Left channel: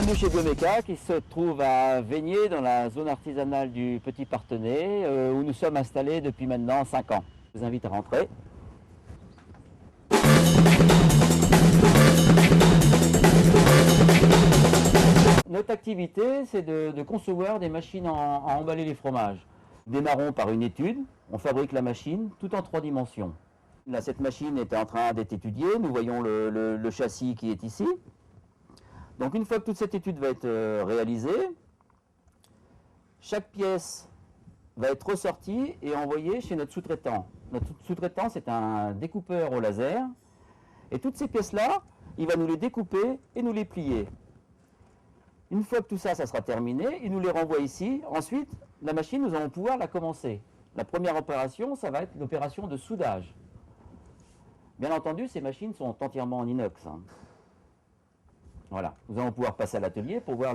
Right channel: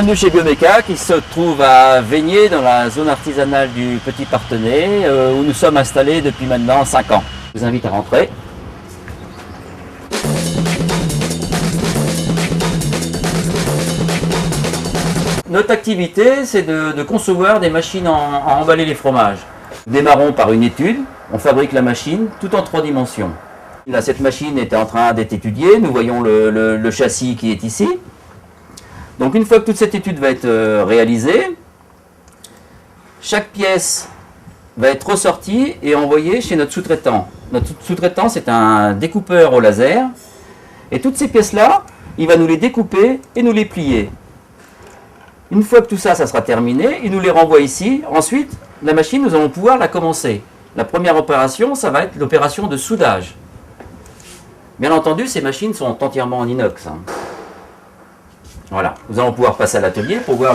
Bienvenue chez Bioméca qui se trouve à Veigné dans la zone artisanale du Petit Partenay où nous sommes installés depuis maintenant 5 ans. Je vous invite à rentrer. Notre activité, c'est de concevoir des machines à emballer les fromages. Nous démarrons par une étude, on fabrique la machine tout en 3 dimensions. Là, cette machine est en train d'être étudiée, nous voyons le châssis qui est ici. Donc une fois que toute cette étude va être réalisée, chaque pièce va être ressortie et envoyée chez notre sous-traitant. Notre sous-traitant, c'est un découpeur au laser. Et toutes ces pièces-là, il va nous les découper et nous les plier. Une fois que tout ça, ça sera terminé, il nous les renvoie ici. Ensuite, la machine, nous allons pouvoir la commencer. La première opération, ça va être l'opération de soudage. Bien entendu, ces machines sont entièrement en inox. Voilà, nous allons pouvoir passer à l'atelier pour voir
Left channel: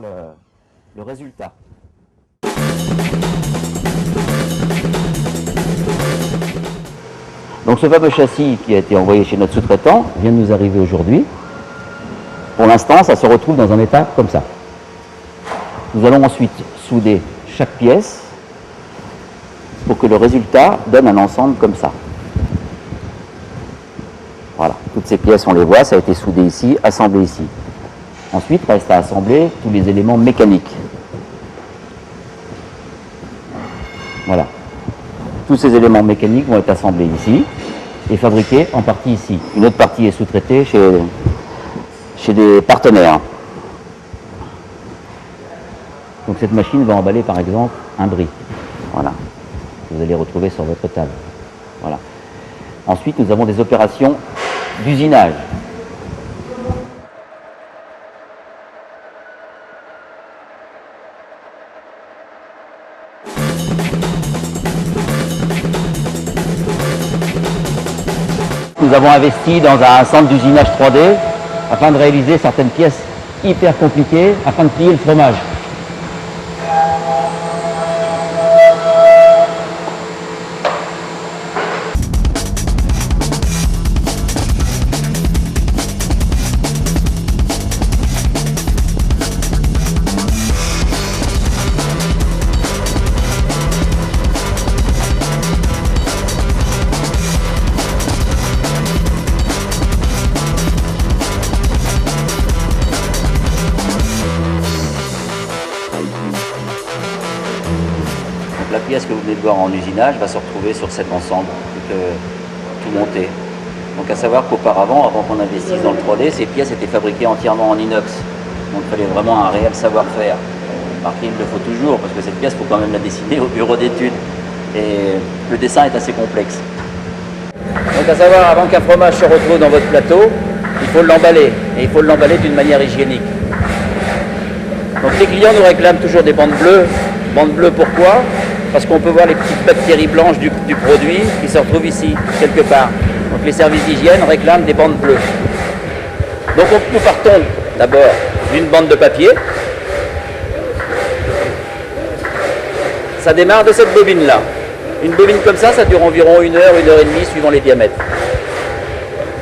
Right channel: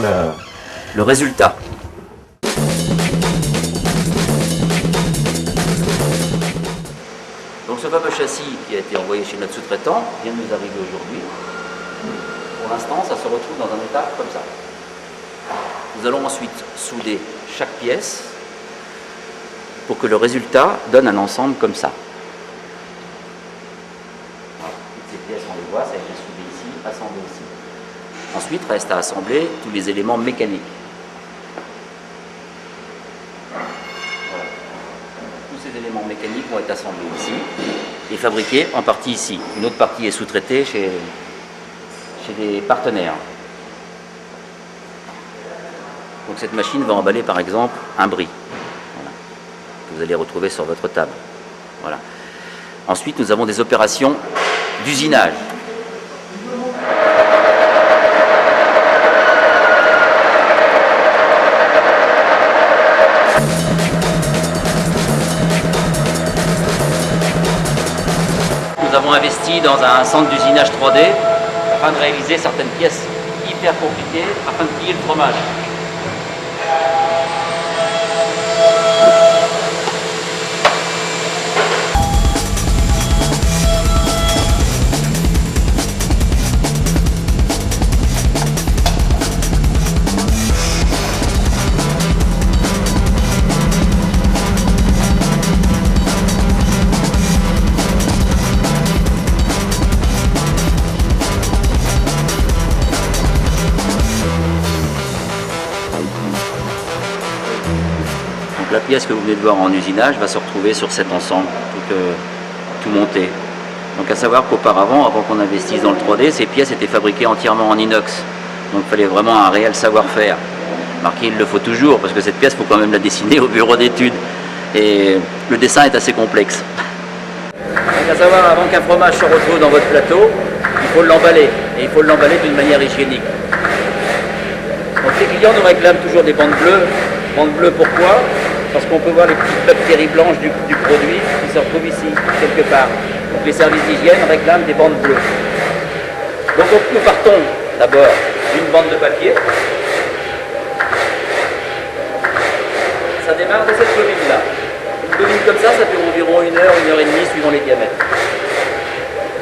le résultat. Donc ce fameux châssis qui a été envoyé chez notre sous-traitant vient de nous arriver aujourd'hui. Pour l'instant, ça se retrouve dans un état comme ça. Nous allons ensuite souder chaque pièce pour que le résultat donne un ensemble comme ça. Voilà, toutes ces pièces, on les voit, ça a été soudé ici, assemblé ici. Ensuite, reste à assembler tous les éléments mécaniques. Voilà. Tous ces éléments mécaniques vont être assemblés ici et fabriqués en partie ici. Une autre partie est sous-traitée chez des partenaires. Donc cette machine va emballer par exemple un brie. Voilà. Vous allez retrouver sur votre table. Voilà. Ensuite, nous avons des opérations d'usinage. Nous avons investi dans un centre d'usinage 3D afin de réaliser certaines pièces hyper compliquées afin de plier le fromage. La pièce que vous venez de voir en usinage va se retrouver sur cet ensemble tout monté. Donc à savoir qu'auparavant, avant qu'on investisse dans le 3D, ces pièces étaient fabriquées entièrement en inox. Donc il fallait vraiment un réel savoir-faire. Remarquez, il le faut toujours, parce que cette pièce, il faut quand même la dessiner au bureau d'études. Et le dessin est assez complexe. Donc à savoir, avant qu'un fromage se retrouve dans votre plateau, il faut l'emballer. Et il faut l'emballer d'une manière hygiénique. Donc les clients nous réclament toujours des bandes bleues. Bandes bleues pourquoi? Parce qu'on peut voir les petites bactéries blanches du produit qui se retrouvent ici, quelque part. Donc les services d'hygiène réclament des bandes bleues. Donc nous partons d'abord d'une bande de papier. Ça démarre de cette bobine-là. Une bobine comme ça dure environ 1 heure, 1 heure et demie, suivant les diamètres.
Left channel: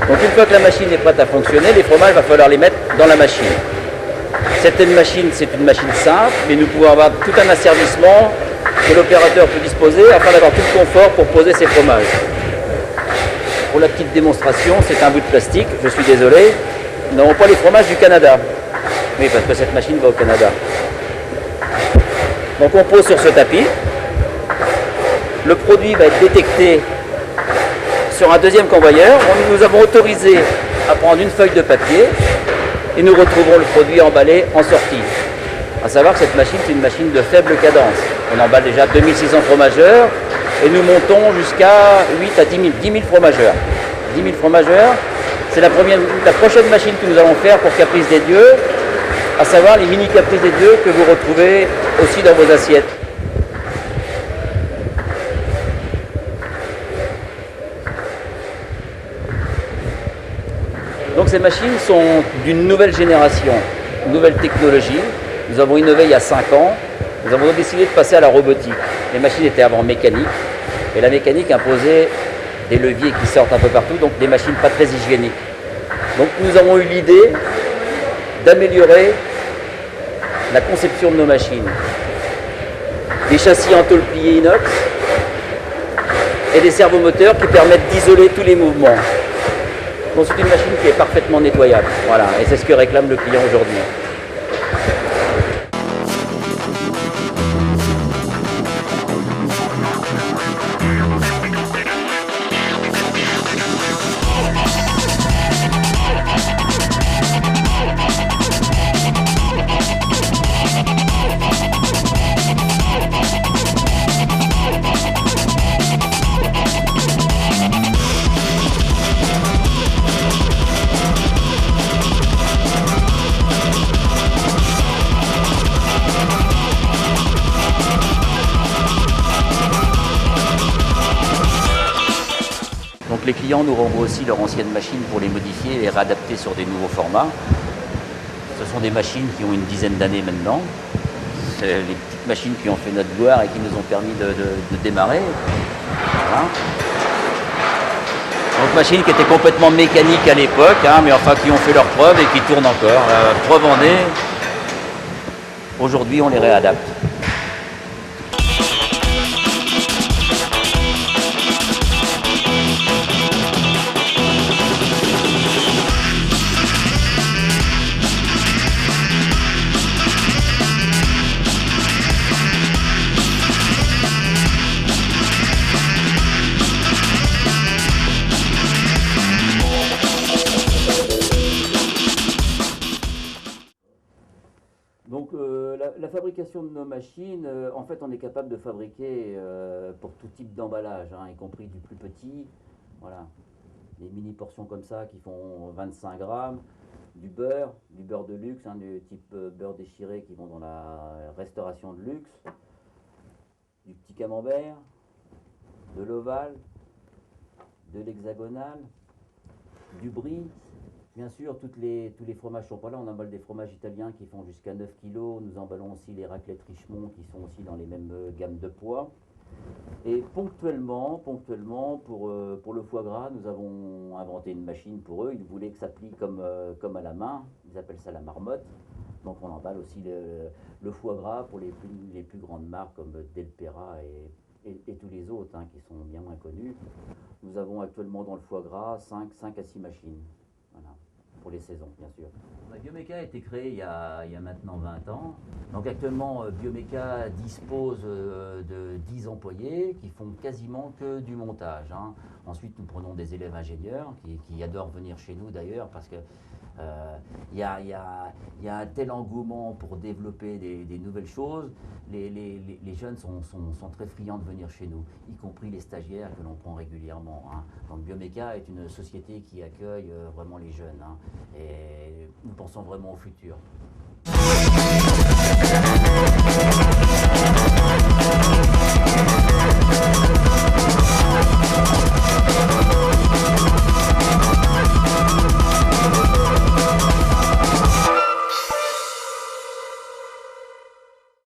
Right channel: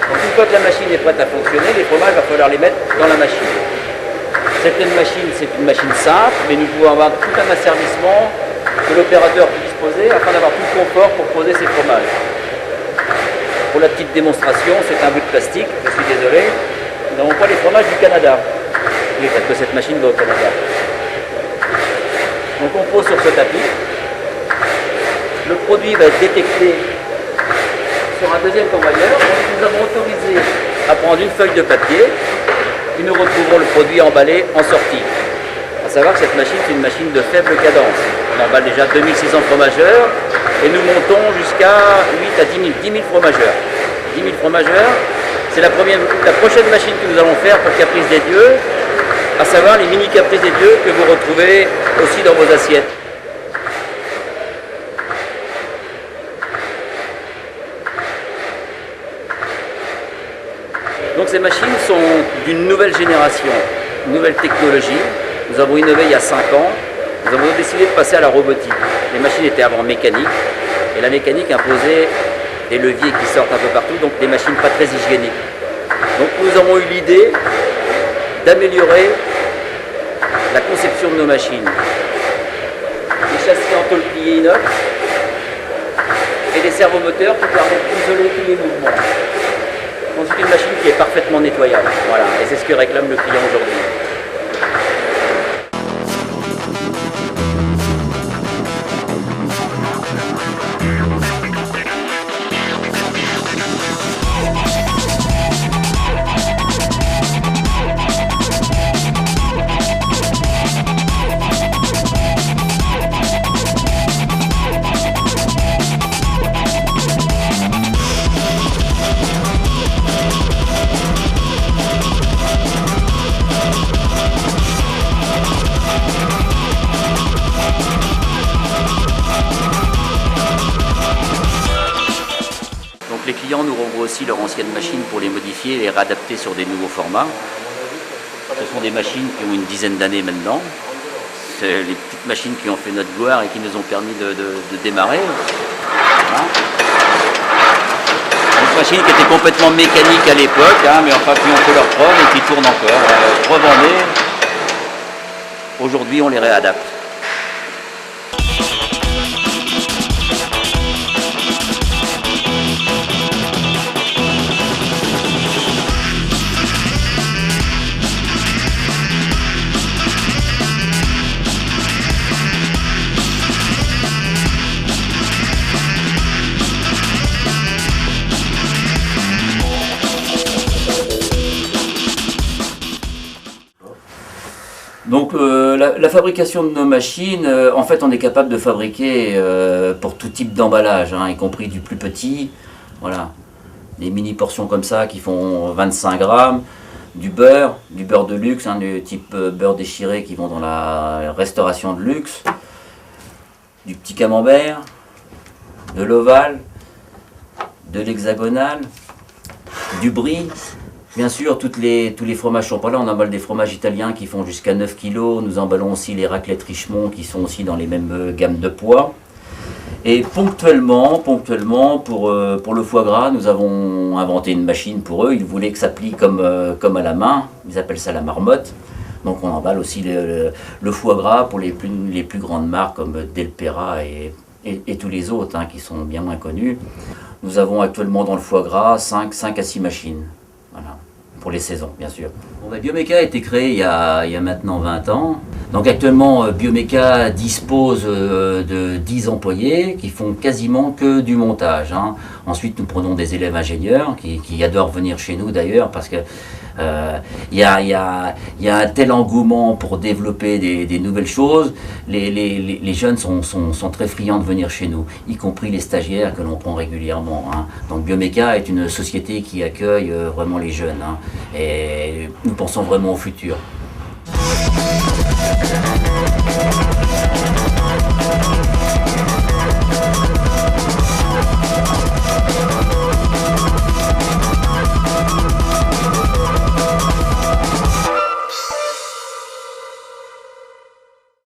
Donc une fois que la machine est prête à fonctionner, les fromages, il va falloir les mettre dans la machine. Cette machine, c'est une machine simple et nous pouvons avoir tout un asservissement que l'opérateur peut disposer afin d'avoir tout le confort pour poser ses fromages. Pour la petite démonstration, c'est un bout de plastique, je suis désolé. Nous n'avons pas les fromages du Canada. Oui, parce que cette machine va au Canada. Donc on pose sur ce tapis. Le produit va être détecté sur un deuxième convoyeur. Nous avons autorisé à prendre une feuille de papier et nous retrouvons le produit emballé en sortie. A savoir que cette machine, c'est une machine de faible cadence. On emballe déjà 2600 fromageurs et nous montons jusqu'à 8 à 10 000 fromageurs. 10 000 fromageurs, c'est la prochaine machine que nous allons faire pour Caprice des Dieux, à savoir les mini Caprice des Dieux que vous retrouvez aussi dans vos assiettes. Donc ces machines sont d'une nouvelle génération, une nouvelle technologie. Nous avons innové il y a 5 ans, nous avons décidé de passer à la robotique. Les machines étaient avant mécaniques, et la mécanique imposait des leviers qui sortent un peu partout, donc des machines pas très hygiéniques. Donc nous avons eu l'idée d'améliorer la conception de nos machines. Des châssis en tôle pliée inox et des servomoteurs qui permettent d'isoler tous les mouvements. Ensuite, une machine qui est parfaitement nettoyable. Voilà, et c'est ce que réclame le client aujourd'hui. Donc les clients nous renvoient aussi leurs anciennes machines pour les modifier et les réadapter sur des nouveaux formats. Ce sont des machines qui ont une dizaine d'années maintenant. C'est les petites machines qui ont fait notre gloire et qui nous ont permis de démarrer. Voilà. Une machine qui était complètement mécanique à l'époque, hein, mais enfin qui ont fait leur preuve et qui tournent encore. Revendés. Aujourd'hui, on les réadapte. Donc la fabrication de nos machines, en fait on est capable de fabriquer pour tout type d'emballage, hein, y compris du plus petit, voilà, des mini portions comme ça qui font 25 grammes, du beurre de luxe, hein, du type beurre déchiré qui vont dans la restauration de luxe, du petit camembert, de l'ovale, de l'hexagonal, du brie. Bien sûr, tous les fromages sont pas là. On emballe des fromages italiens qui font jusqu'à 9 kg. Nous emballons aussi les raclettes Richemont qui sont aussi dans les mêmes gammes de poids. Et ponctuellement pour le foie gras, nous avons inventé une machine pour eux. Ils voulaient que ça plie comme à la main. Ils appellent ça la marmotte. Donc on emballe aussi le foie gras pour les plus grandes marques comme Del Pera et tous les autres, hein, qui sont bien moins connus. Nous avons actuellement dans le foie gras 5 à 6 machines. Voilà, pour les saisons, bien sûr. Bon, Biomeca a été créé il y a maintenant 20 ans. Donc actuellement, Biomeca dispose de 10 employés qui font quasiment que du montage, hein. Ensuite, nous prenons des élèves ingénieurs qui adorent venir chez nous d'ailleurs parce que il y a un tel engouement pour développer des nouvelles choses. Les jeunes sont très friands de venir chez nous, y compris les stagiaires que l'on prend régulièrement, hein. Donc Biomeca est une société qui accueille vraiment les jeunes, hein, et nous pensons vraiment au futur.